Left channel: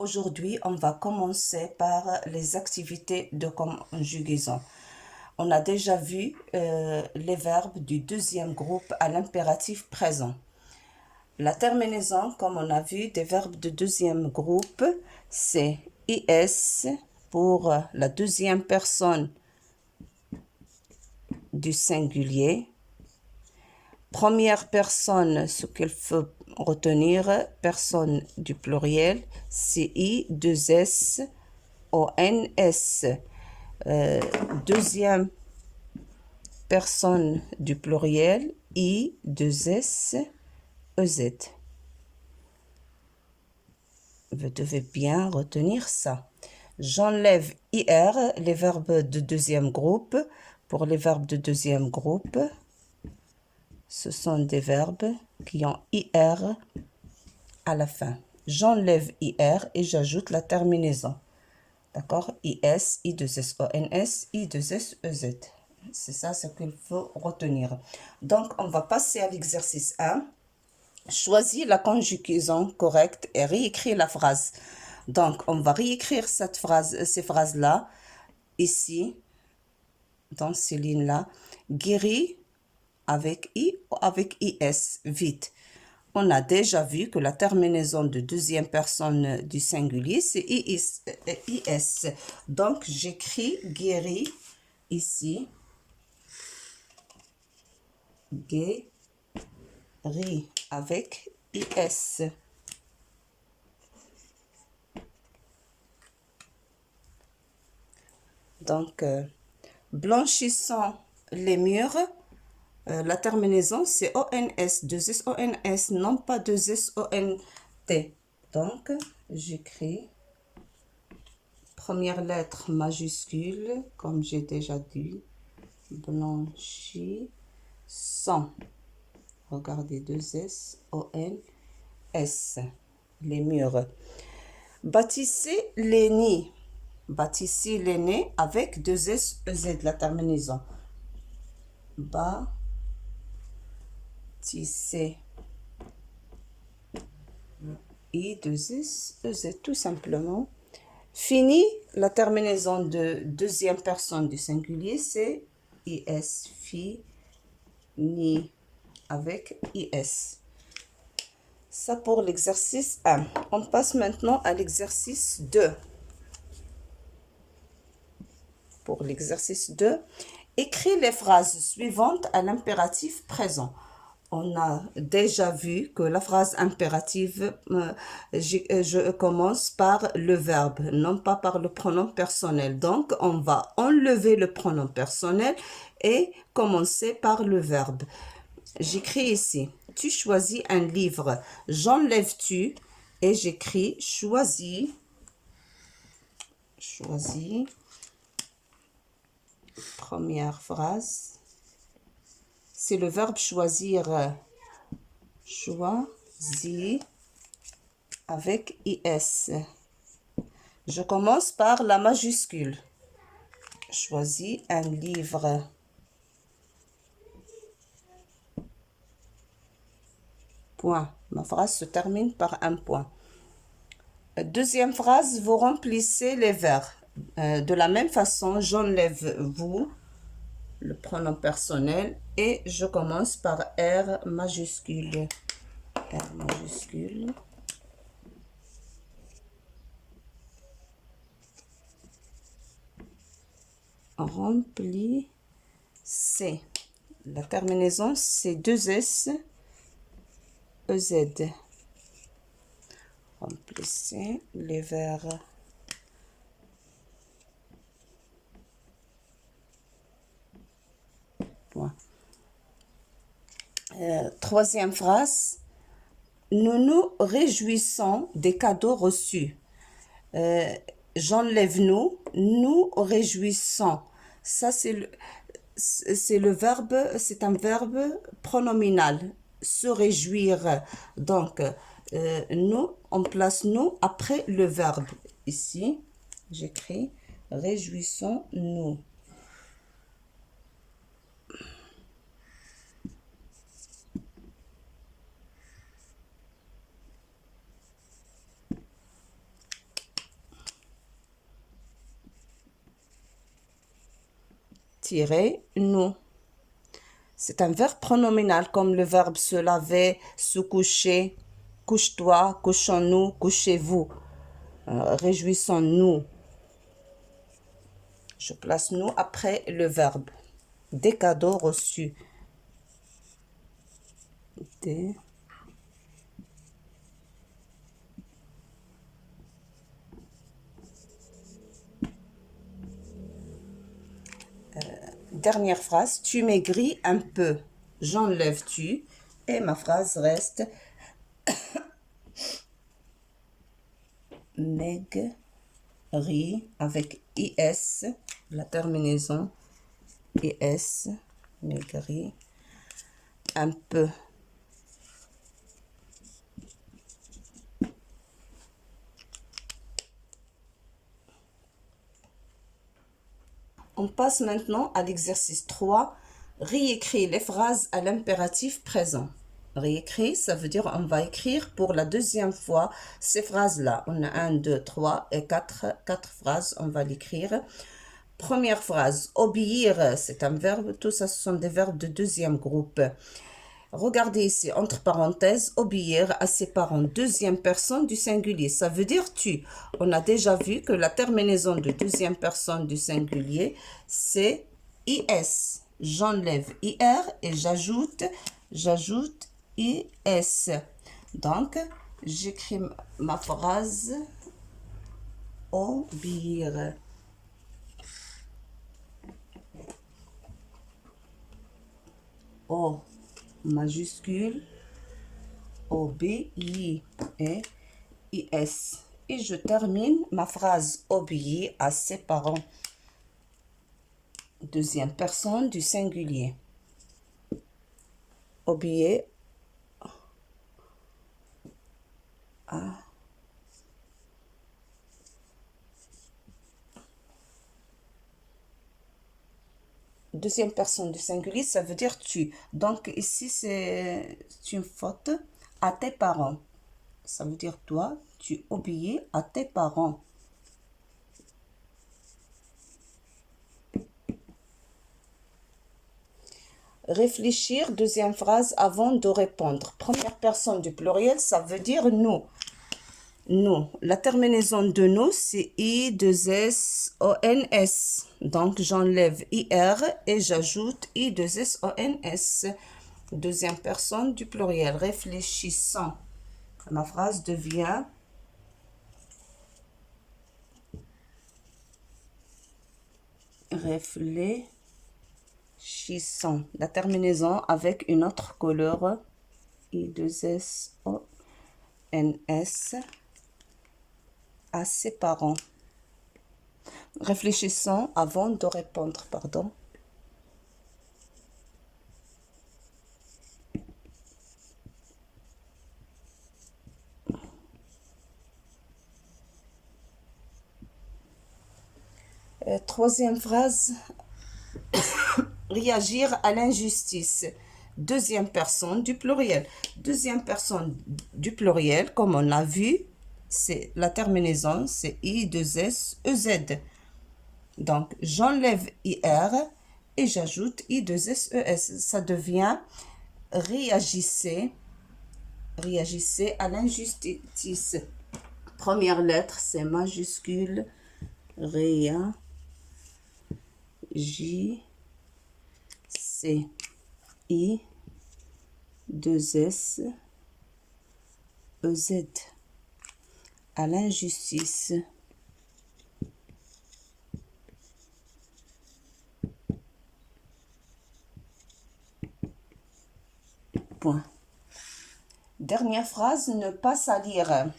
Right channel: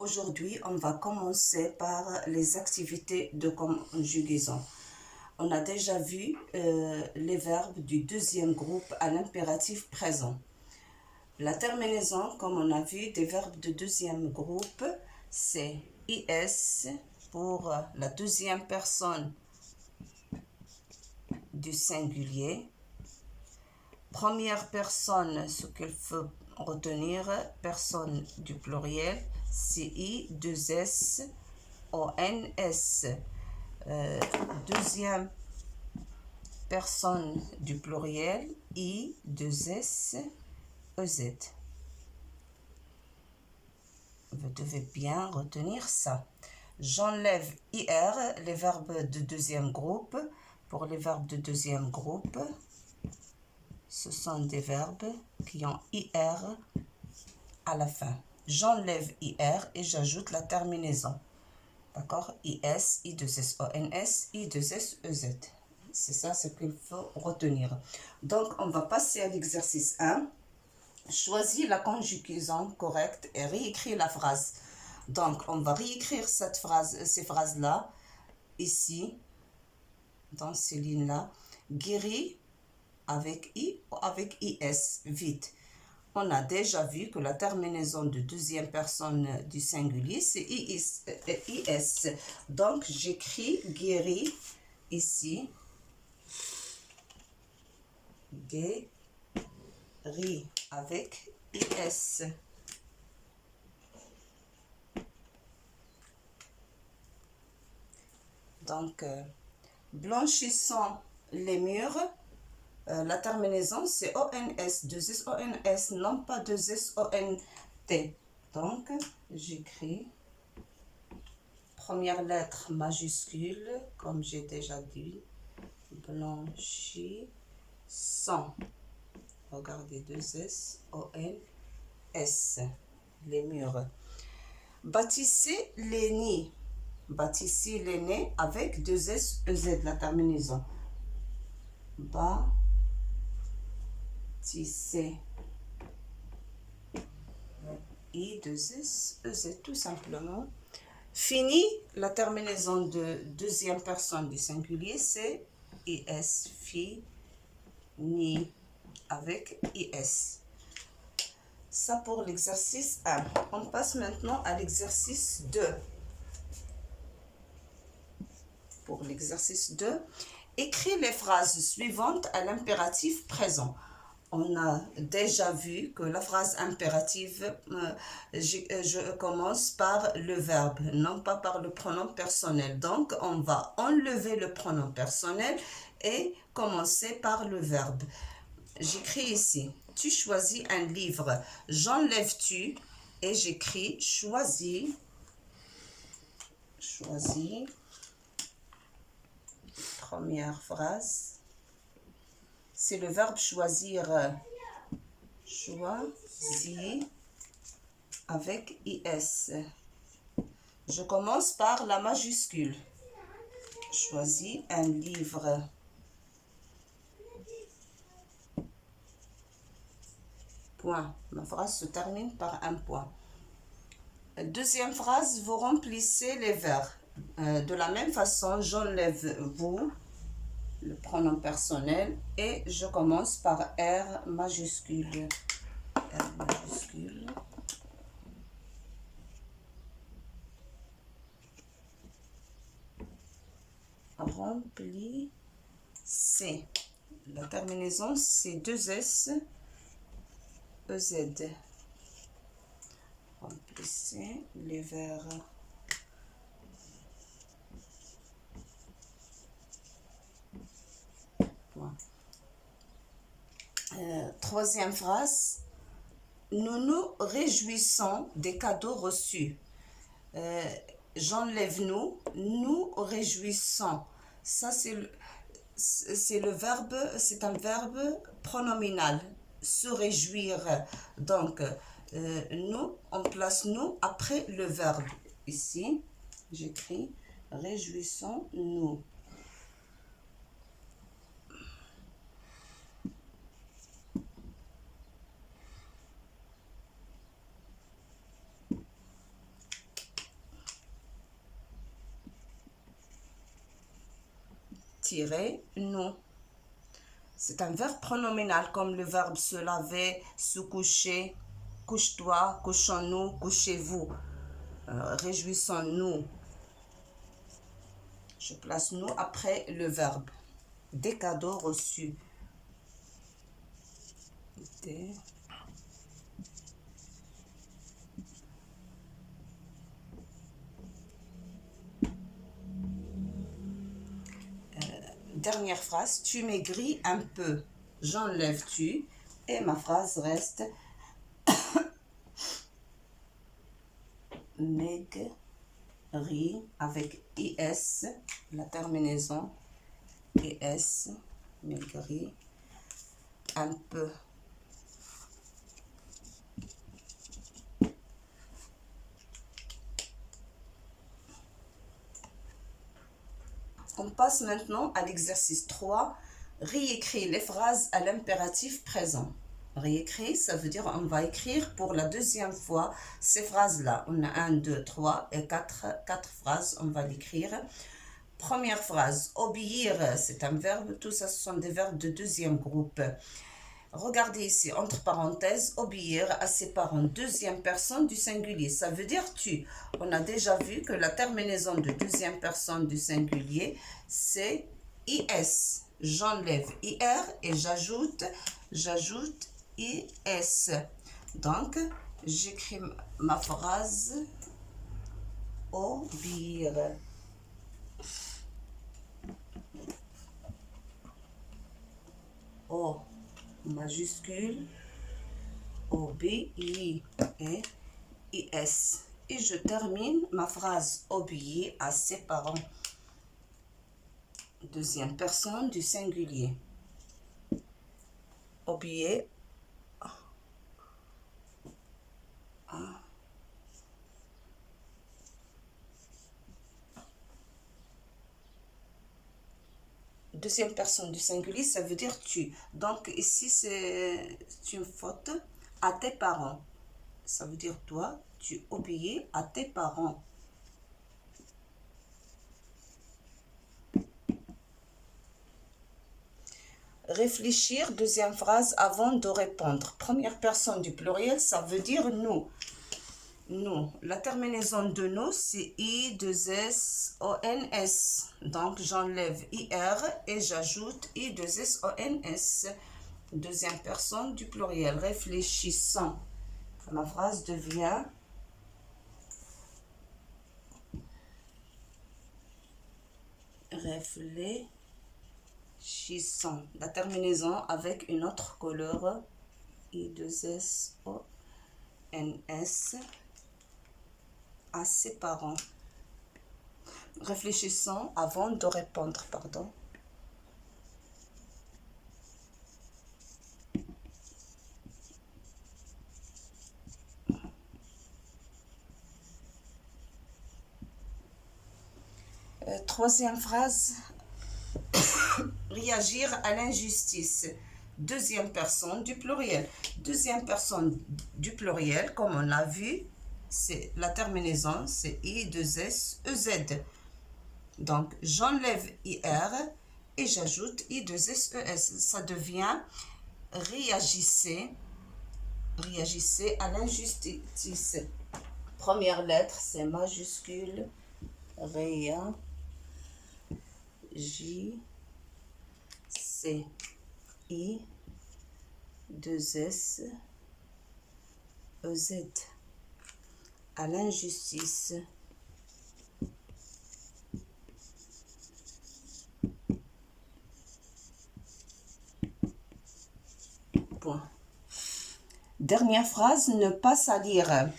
Aujourd'hui, on va commencer par les activités de conjugaison. On a déjà vu les verbes du deuxième groupe à l'impératif présent. La terminaison, comme on a vu, des verbes de deuxième groupe, c'est IS pour la deuxième personne du singulier. Première personne, ce qu'il faut retenir, personne du pluriel, c'est I, 2S, ONS. Deuxième personne du pluriel, I, 2S, EZ. Vous devez bien retenir ça. J'enlève IR, les verbes de deuxième groupe. Pour les verbes de deuxième groupe, ce sont des verbes qui ont IR à la fin. J'enlève IR et j'ajoute la terminaison. D'accord? IS, I2SONS, I2SEZ. C'est ça ce qu'il faut retenir. Donc, on va passer à l'exercice 1. Choisis la conjugaison correcte et réécris la phrase. Donc, on va réécrire ces phrases-là, ici, dans ces lignes-là. Guéri avec I ou avec IS, vite. On a déjà vu que la terminaison de deuxième personne du singulier, c'est IS. Donc, j'écris guéri ici. Guéri avec IS. Donc, blanchissant les murs. La terminaison, c'est ONS, 2S ONS, non pas 2S ONT. Donc, j'écris première lettre majuscule, comme j'ai déjà dit, blanchissant. Regardez, 2S ONS, les murs. Bâtissez les nids. Bâtissez les nids avec 2S EZ, la terminaison. Bâtissez. I2S EZ, tout simplement. Fini, la terminaison de deuxième personne du singulier, c'est IS, fini, avec IS. Ça pour l'exercice 1. On passe maintenant à l'exercice 2. Pour l'exercice 2, écris les phrases suivantes à l'impératif présent. On a déjà vu que la phrase impérative, je commence par le verbe, non pas par le pronom personnel. Donc, on va enlever le pronom personnel et commencer par le verbe. J'écris ici, tu choisis un livre. J'enlève tu et j'écris choisis. Choisis. Première phrase. C'est le verbe choisir. Choisis avec IS. Je commence par la majuscule. Choisis un livre. Point. Ma phrase se termine par un point. Deuxième phrase, vous remplissez les vers. De la même façon, j'enlève vous, le pronom personnel, et je commence par R majuscule. R majuscule. Remplissez. La terminaison, c'est 2S, EZ. Remplissez les vers. Point. Troisième phrase. Nous nous réjouissons des cadeaux reçus. J'enlève nous réjouissons. Ça, c'est le verbe, c'est un verbe pronominal, se réjouir. Donc, nous, on place nous après le verbe. Ici, j'écris réjouissons-nous. nous. C'est un verbe pronominal comme le verbe se laver, se coucher, couche-toi, couchons-nous, couchez-vous, réjouissons-nous. Je place nous après le verbe. Des cadeaux reçus. Des dernière phrase, tu maigris un peu. J'enlève tu et ma phrase reste maigri avec is, la terminaison is, maigri un peu. On passe maintenant à l'exercice 3. Réécrire les phrases à l'impératif présent. Réécrire, ça veut dire on va écrire pour la deuxième fois ces phrases-là. On a 1, 2, 3 et 4 phrases, on va l'écrire. Première phrase, obéir, c'est un verbe. Tout ça, ce sont des verbes de deuxième groupe. Regardez ici, entre parenthèses, obéir à ses parents, deuxième personne du singulier. Ça veut dire tu. On a déjà vu que la terminaison de deuxième personne du singulier, c'est is. J'enlève ir et j'ajoute is. Donc, j'écris ma phrase obéir. O majuscule, obéir et is. Et je termine ma phrase obéir à ses parents. Deuxième personne du singulier. Obéir à deuxième personne du singulier, ça veut dire tu. Donc ici, c'est une faute à tes parents. Ça veut dire toi, tu obéis à tes parents. Réfléchir, deuxième phrase, avant de répondre. Première personne du pluriel, ça veut dire nous. Nous. La terminaison de nous, c'est I, 2 S, O, N, S. Donc, j'enlève IR et j'ajoute I, 2 S, O, N, S. Deuxième personne du pluriel. Réfléchissant. Ma phrase devient réfléchissant. La terminaison avec une autre couleur. I, 2 S, O, N, S. À ses parents. Réfléchissons avant de répondre, pardon. Troisième phrase, réagir à l'injustice. Deuxième personne du pluriel. Deuxième personne du pluriel, comme on a vu, c'est la terminaison, c'est I, 2 S, E, Z. Donc, j'enlève IR et j'ajoute I, 2 S, E, S. Ça devient réagissez à l'injustice. Première lettre, c'est majuscule. Réagissez. I, 2 S, E, Z. À l'injustice. Point. Dernière phrase, ne pas salir.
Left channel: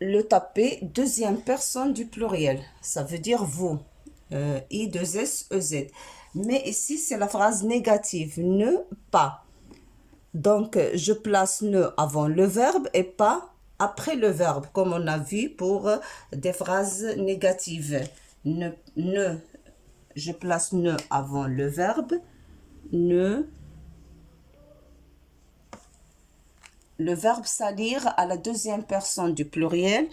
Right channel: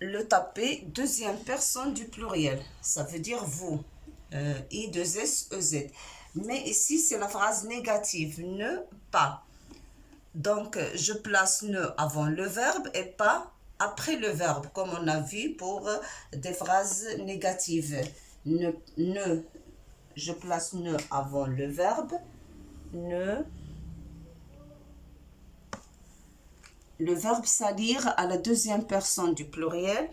Le taper, deuxième personne du pluriel. Ça veut dire vous. I, 2 S, E, Z. Mais ici, c'est la phrase négative. Ne pas. Donc, je place ne avant le verbe et pas après le verbe, comme on a vu pour des phrases négatives. Je place ne avant le verbe. Ne. Le verbe salir à la deuxième personne du pluriel.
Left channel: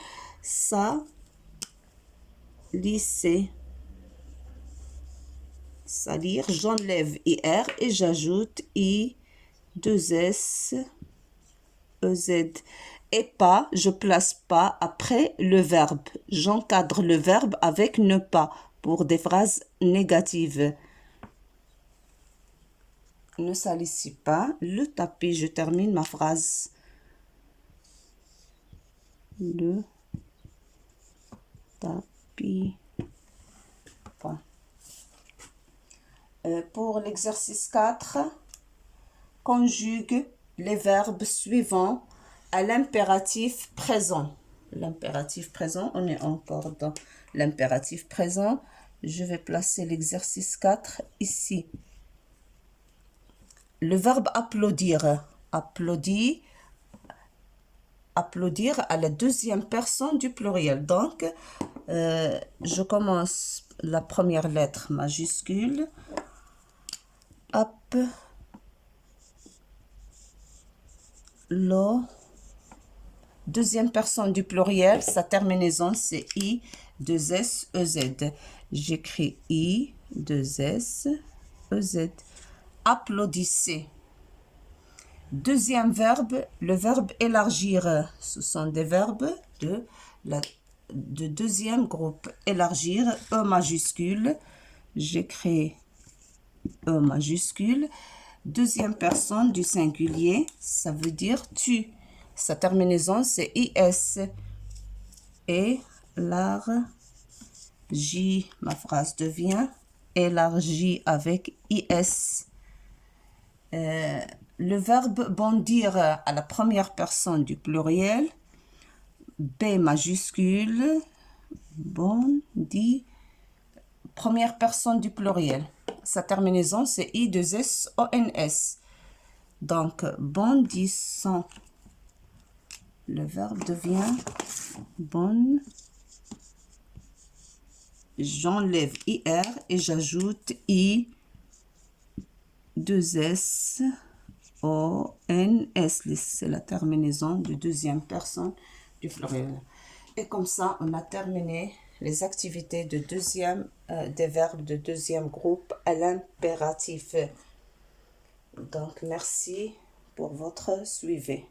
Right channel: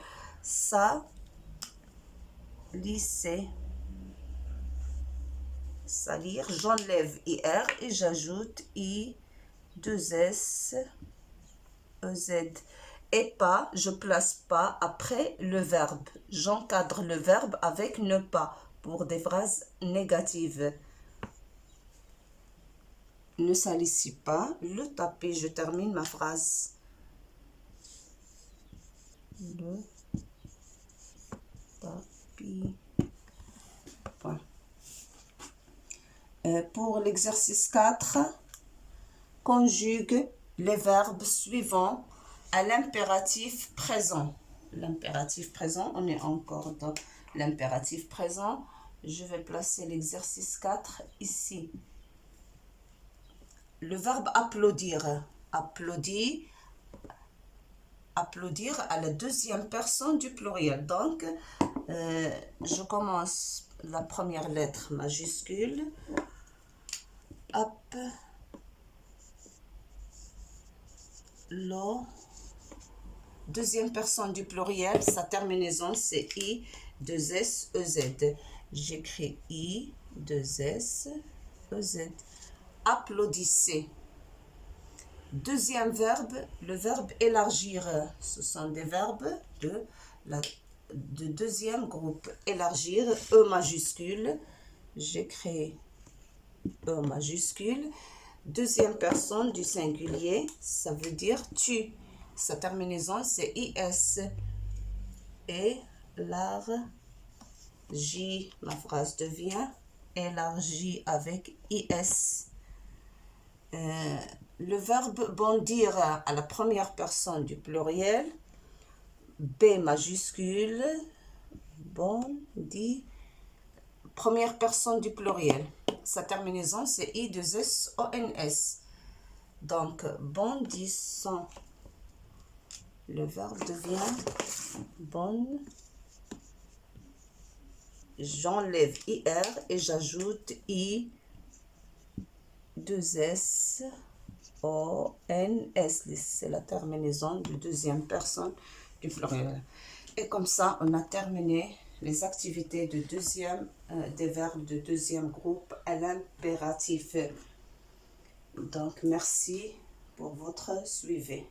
Salisser. salir, j'enlève IR et j'ajoute I, 2S, EZ. Et pas, je place pas après le verbe. J'encadre le verbe avec ne pas pour des phrases négatives. Ne salissez pas le tapis. Je termine ma phrase. Le tapis. Point. Pour l'exercice 4, conjugue les verbes suivants à l'impératif présent. L'impératif présent, on est encore dans l'impératif présent. Je vais placer l'exercice 4 ici. Le verbe applaudir. Applaudir à la deuxième personne du pluriel. Donc, je commence la première lettre majuscule. Hop. Deuxième personne du pluriel, sa terminaison c'est I, 2S, EZ. J'écris I, 2S, EZ. Applaudissez. Deuxième verbe, le verbe élargir. Ce sont des verbes de deuxième groupe. Élargir, E majuscule. J'écris E majuscule. Deuxième personne du singulier, ça veut dire tu. Sa terminaison, c'est IS. Élargi. Ma phrase devient élargie avec IS. Le verbe bondir à la première personne du pluriel, B majuscule, bondi, première personne du pluriel. Sa terminaison, c'est I2SONS. Donc, bondissant. Le verbe devient bonne. J'enlève IR et j'ajoute I, 2S, ONS. C'est la terminaison de deuxième personne du pluriel. Et comme ça, on a terminé les activités de des verbes de deuxième groupe à l'impératif. Donc, merci pour votre suivi.